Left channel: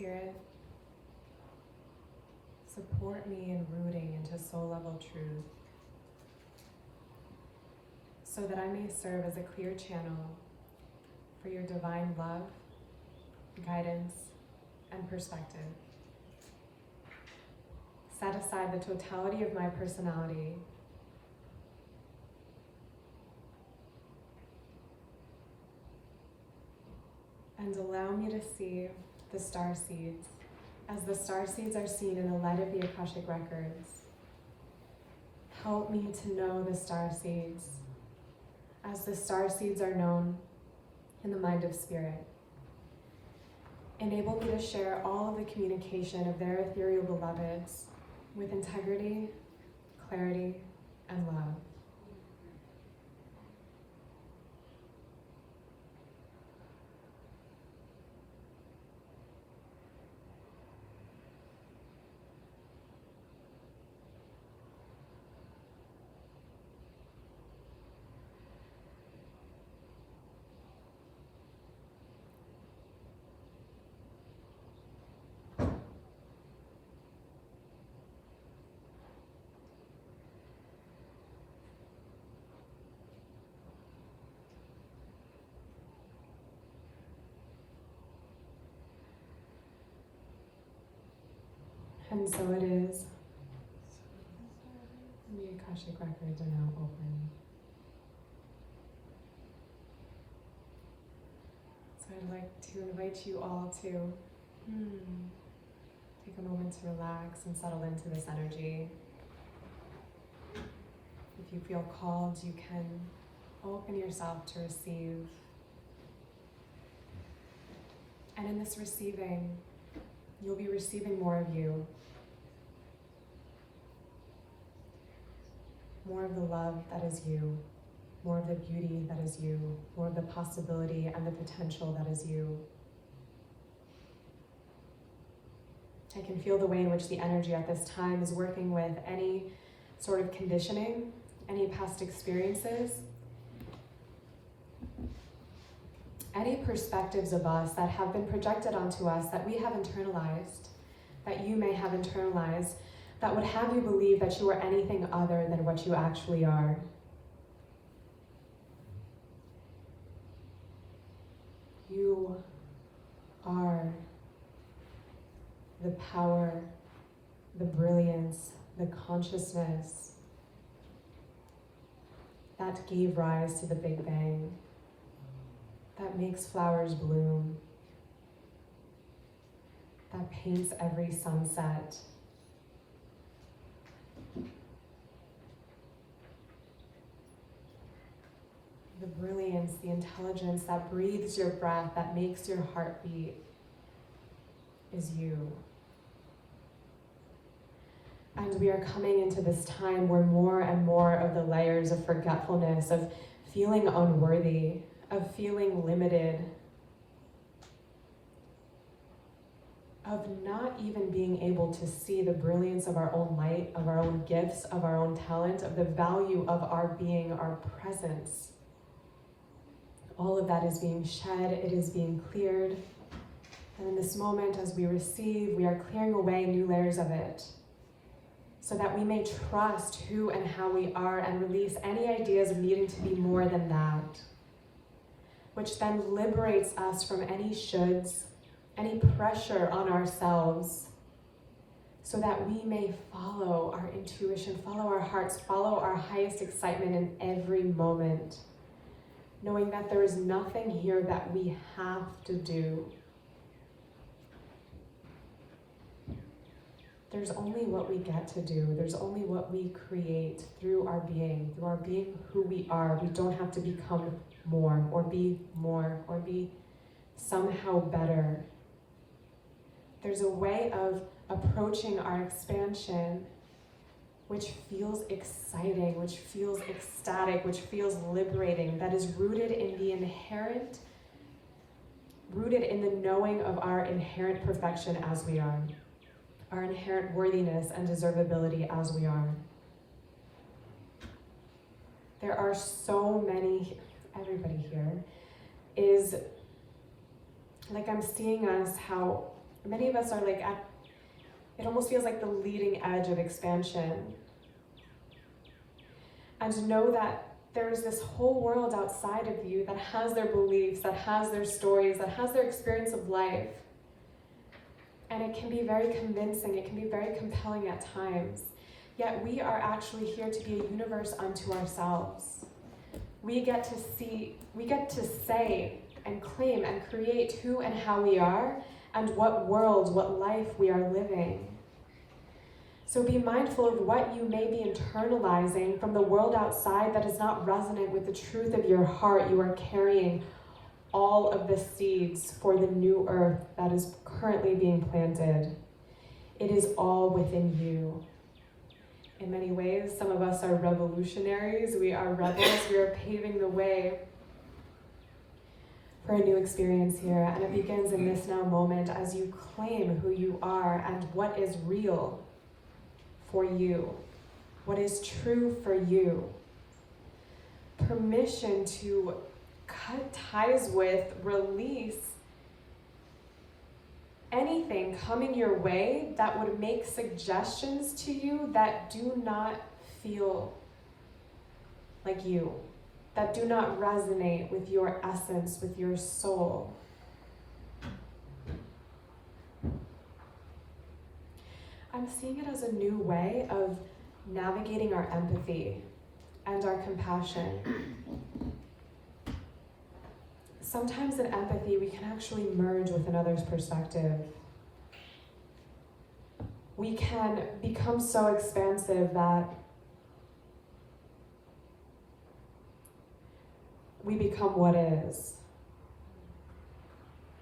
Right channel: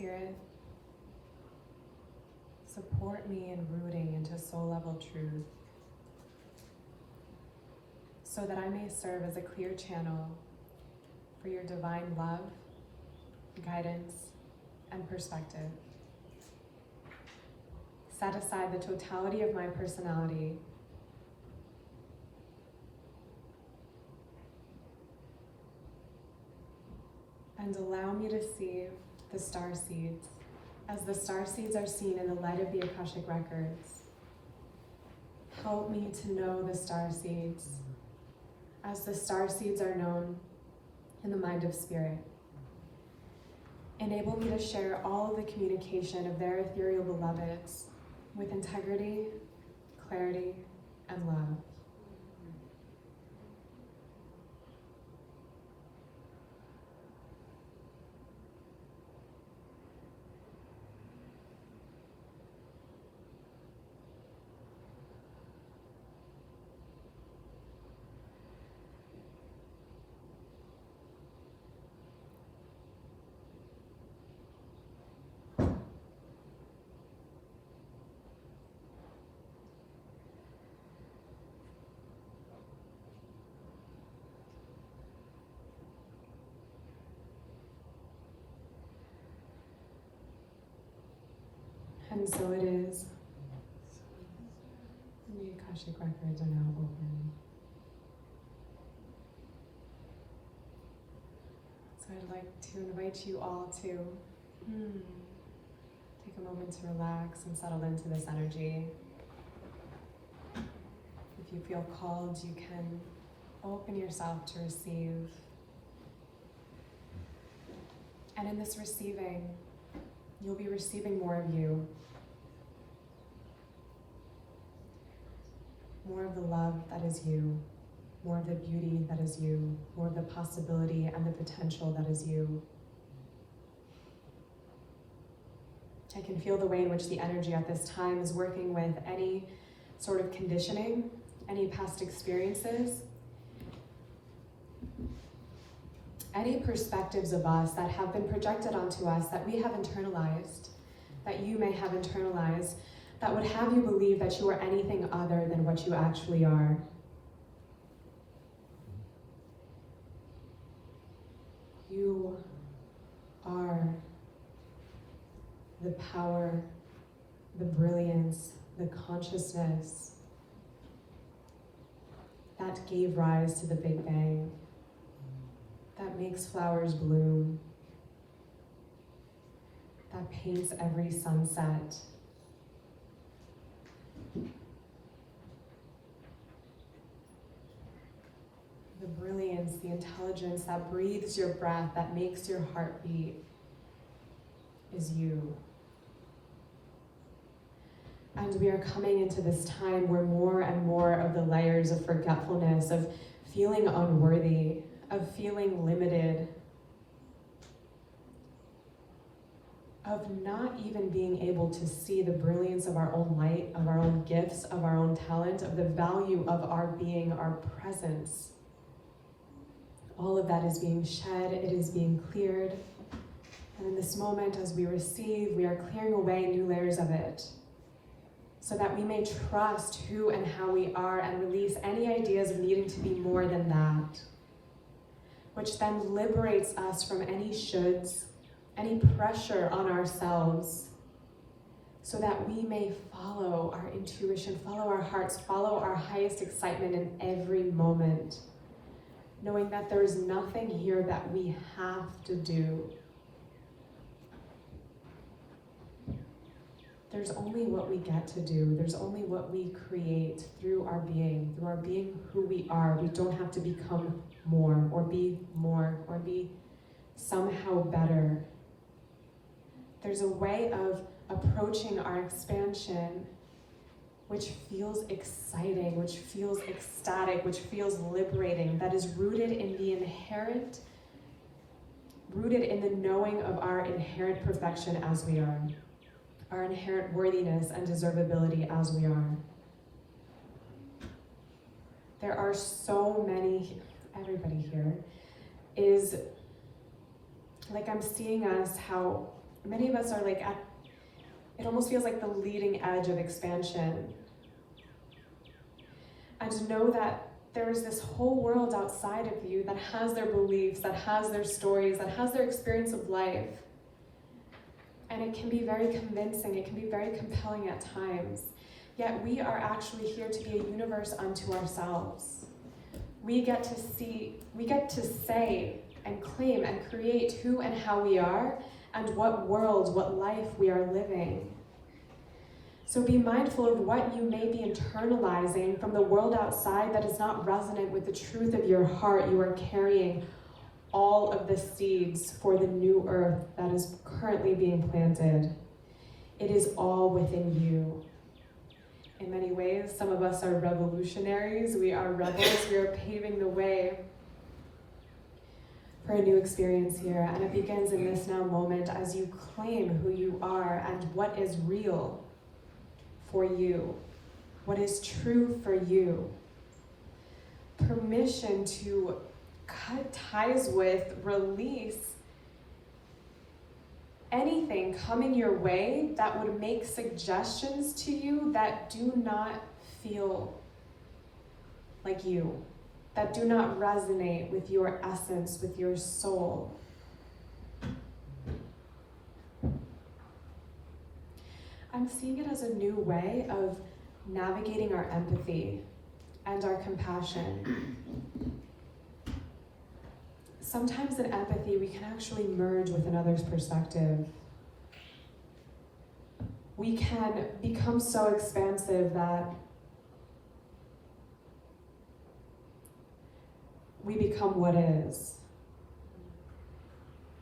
Spirit, support me in rooting into soul level truth so that I may serve as a clear channel for your divine love, guidance, and perspective. Set aside the totality of my personality and allow me to see the star seeds as the star seeds are seen in the light of the Akashic Records. Help me to know the star seeds as the star seeds are known in the mind of spirit. Enable me to share all of the communication of their ethereal beloveds with integrity, clarity, and love. And so it is. The Akashic Records are now open. So I'd like to invite you all to take a moment to relax and settle into this energy. If you feel called, you can open yourself to receive. And in this receiving, you'll be receiving more of you. More of the love that is you, more of the beauty that is you, more of the possibility and the potential that is you. I can feel the way in which the energy at this time is working with any sort of conditioning, any past experiences, any perspectives of us that have been projected onto us that we have internalized, that you may have internalized, that would have you believe that you are anything other than what you actually are. You are the power, the brilliance, the consciousness that gave rise to the Big Bang, that makes flowers bloom, that paints every sunset. The brilliance, the intelligence that breathes your breath, that makes your heart beat, is you. And we are coming into this time where more and more of the layers of forgetfulness, of feeling unworthy, of feeling limited, of not even being able to see the brilliance of our own light, of our own gifts, of our own talent, of the value of our being, our presence. All of that is being shed, it is being cleared. And in this moment, as we receive, we are clearing away new layers of it so that we may trust who and how we are and release any ideas of needing to be more than that, which then liberates us from any shoulds, any pressure on ourselves, so that we may follow our intuition, follow our hearts, follow our highest excitement in every moment, knowing that there is nothing here that we have to do. There's only what we get to do. There's only what we create through our being who we are. We don't have to become more or be somehow better. There's a way of approaching our expansion which feels exciting, which feels ecstatic, which feels liberating, that is rooted in the knowing of our inherent perfection as we are, our inherent worthiness and deservability as we are. There are so many, everybody here is, like I'm seeing us how Many of us are like it almost feels like the leading edge of expansion. And know that there's this whole world outside of you that has their beliefs, that has their stories, that has their experience of life. And it can be very convincing, it can be very compelling at times. Yet we are actually here to be a universe unto ourselves. We get to say and claim and create who and how we are and what world, what life we are living. So be mindful of what you may be internalizing from the world outside that is not resonant with the truth of your heart. You are carrying all of the seeds for the new earth that is currently being planted. It is all within you. In many ways, some of us are revolutionaries. We are rebels. We are paving the way for a new experience here. And it begins in this now moment as you claim who you are and what is real for you, what is true for you. Permission to cut ties with, release anything coming your way that would make suggestions to you that do not feel like you, that do not resonate with your essence, with your soul. I'm seeing it as a new way of navigating our empathy and our compassion. Sometimes in empathy, we can actually merge with another's perspective. We can become so expansive that we become what is.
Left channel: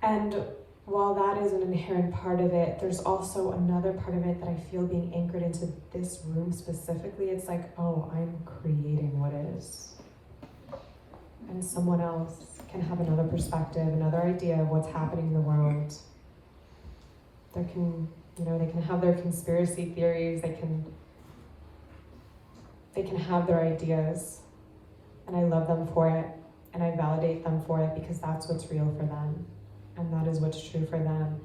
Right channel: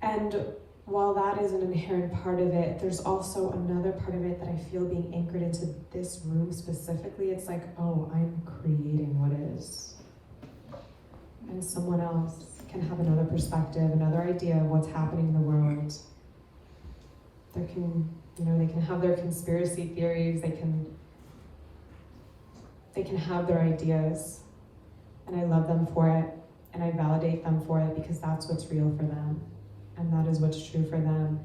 And while that is an inherent part of it, there's also another part of it that I feel being anchored into this room specifically. It's like, oh, I'm creating what is. And someone else can have another perspective, another idea of what's happening in the world. They can have their conspiracy theories, they can have their ideas, and I love them for it, and I validate them for it because that's what's real for them. And that is what's true for them.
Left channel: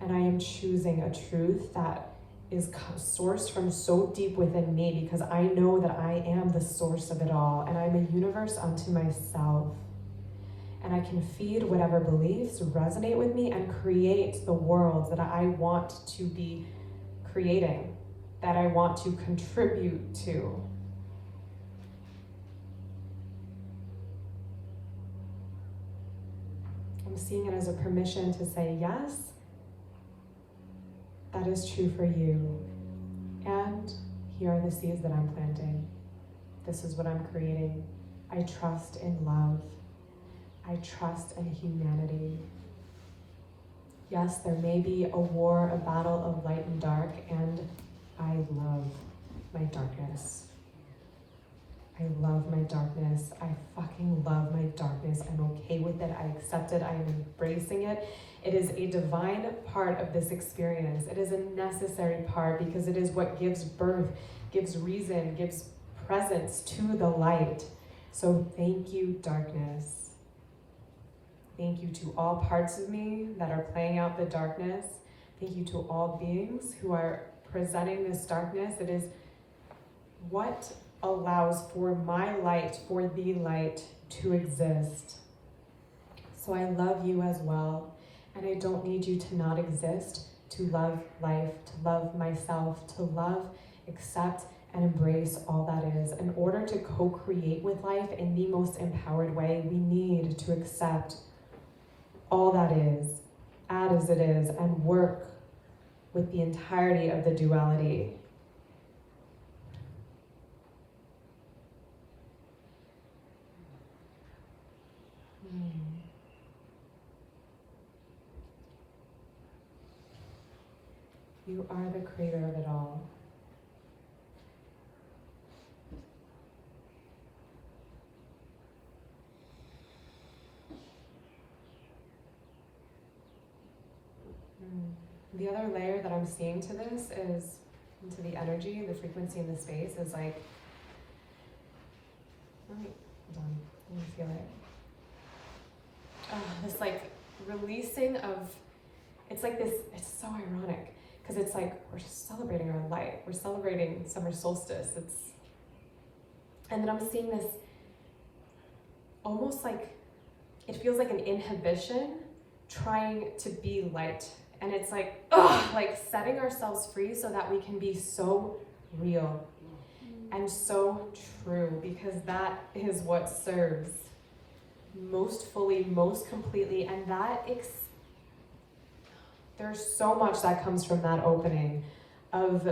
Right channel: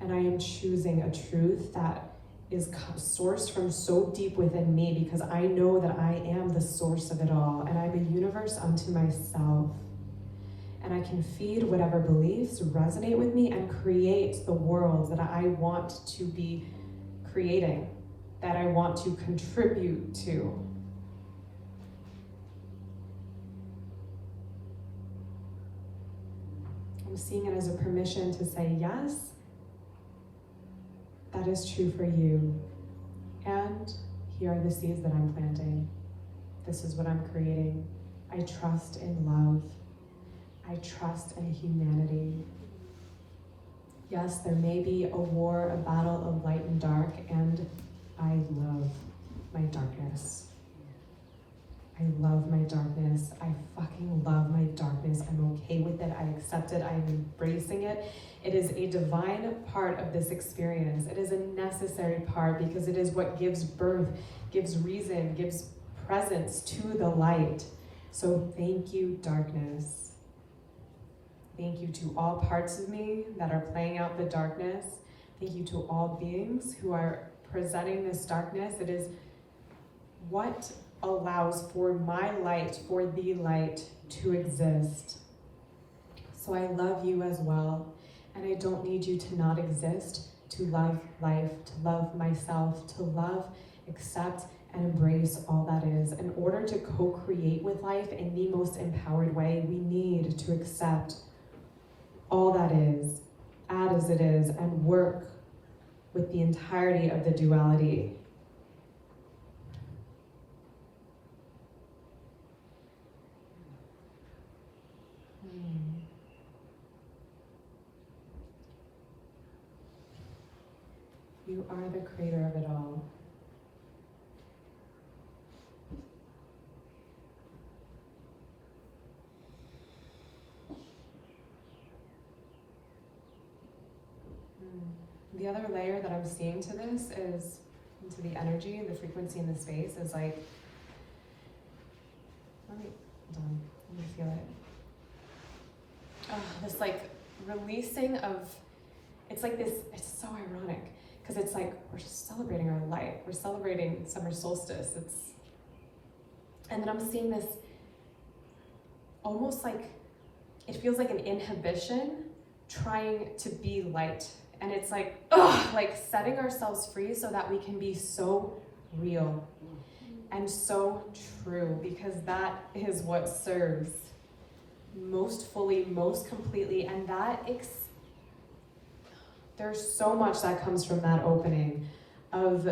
And I am choosing a truth that is sourced from so deep within me because I know that I am the source of it all and I'm a universe unto myself. And I can feed whatever beliefs resonate with me and create the world that I want to be creating, that I want to contribute to. I'm seeing it as a permission to say, yes, that is true for you. And here are the seeds that I'm planting. This is what I'm creating. I trust in love. I trust in humanity. Yes, there may be a war, a battle of light and dark, and I love my darkness. I love my darkness. I fucking love my darkness. I'm okay with it. I accept it. I am embracing it. It is a divine part of this experience. It is a necessary part because it is what gives birth, gives reason, gives presence to the light. So thank you, darkness. Thank you to all parts of me that are playing out the darkness. Thank you to all beings who are presenting this darkness. It is what allows for my light, for the light to exist. So I love you as well, and I don't need you to not exist, to love life, to love myself, to love, accept, and embrace all that is. In order to co-create with life in the most empowered way, we need to accept all that is, as it is, and work with the entirety of the duality. You are the creator of it all. The other layer that I'm seeing to this is, into the energy, the frequency in the space is like, hold on, let me feel it. This like releasing of It's like this, it's so ironic, because it's like, we're just celebrating our light. We're celebrating summer solstice. And then I'm seeing this almost like, it feels like an inhibition trying to be light. And it's like, ugh, like setting ourselves free so that we can be so real and so true, because that is what serves most fully, most completely. And that there's so much that comes from that opening of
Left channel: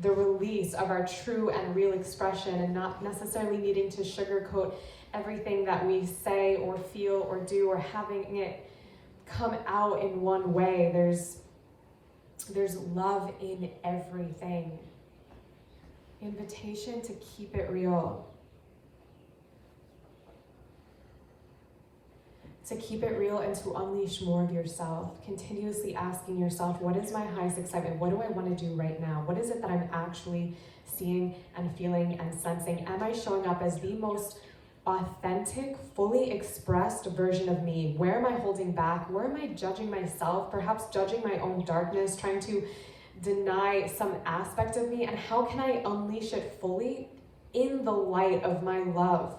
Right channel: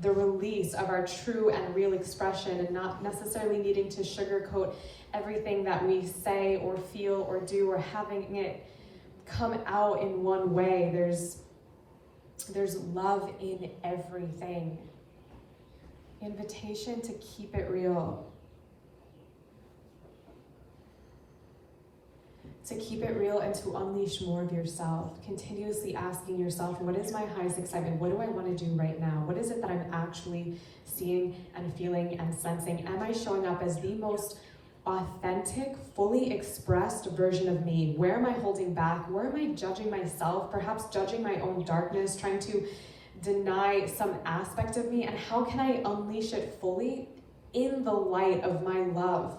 the release of our true and real expression, and not necessarily needing to sugarcoat everything that we say or feel or do, or having it come out in one way. There's love in everything. Invitation to keep it real. To keep it real and to unleash more of yourself. Continuously asking yourself, what is my highest excitement? What do I want to do right now? What is it that I'm actually seeing and feeling and sensing? Am I showing up as the most authentic, fully expressed version of me? Where am I holding back? Where am I judging myself? Perhaps judging my own darkness, trying to deny some aspect of me? And how can I unleash it fully in the light of my love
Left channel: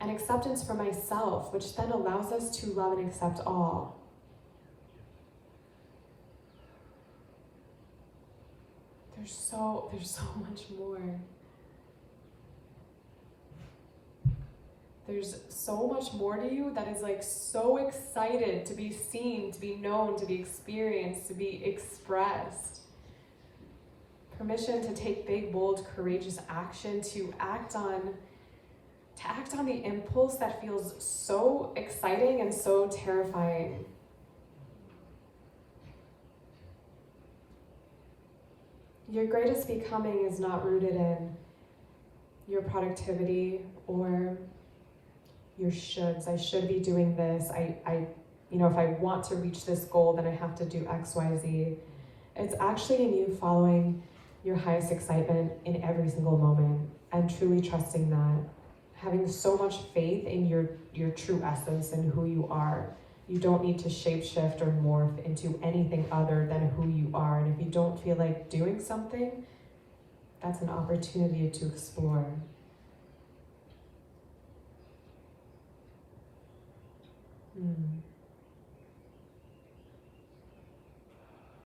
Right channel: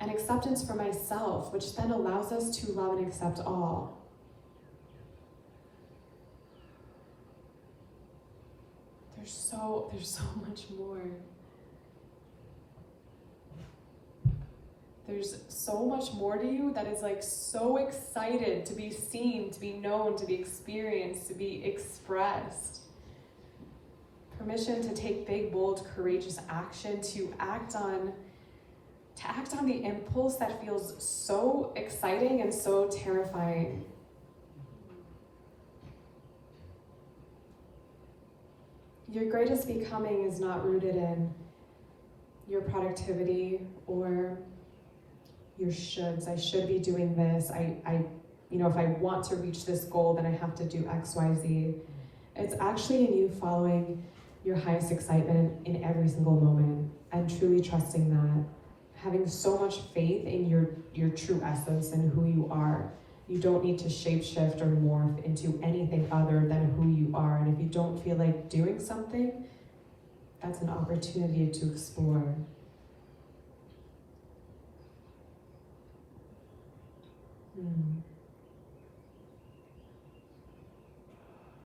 and acceptance for myself, which then allows us to love and accept all? There's so much more. There's so much more to you that is like so excited to be seen, to be known, to be experienced, to be expressed. Permission to take big, bold, courageous action, to act on the impulse that feels so exciting and so terrifying. Your greatest becoming is not rooted in your productivity or your shoulds. I should be doing this. If I want to reach this goal, then I have to do X, Y, Z. It's actually in you following your highest excitement in every single moment and truly trusting that. Having so much faith in your true essence and who you are. You don't need to shapeshift or morph into anything other than who you are. And if you don't feel like doing something, that's an opportunity to explore.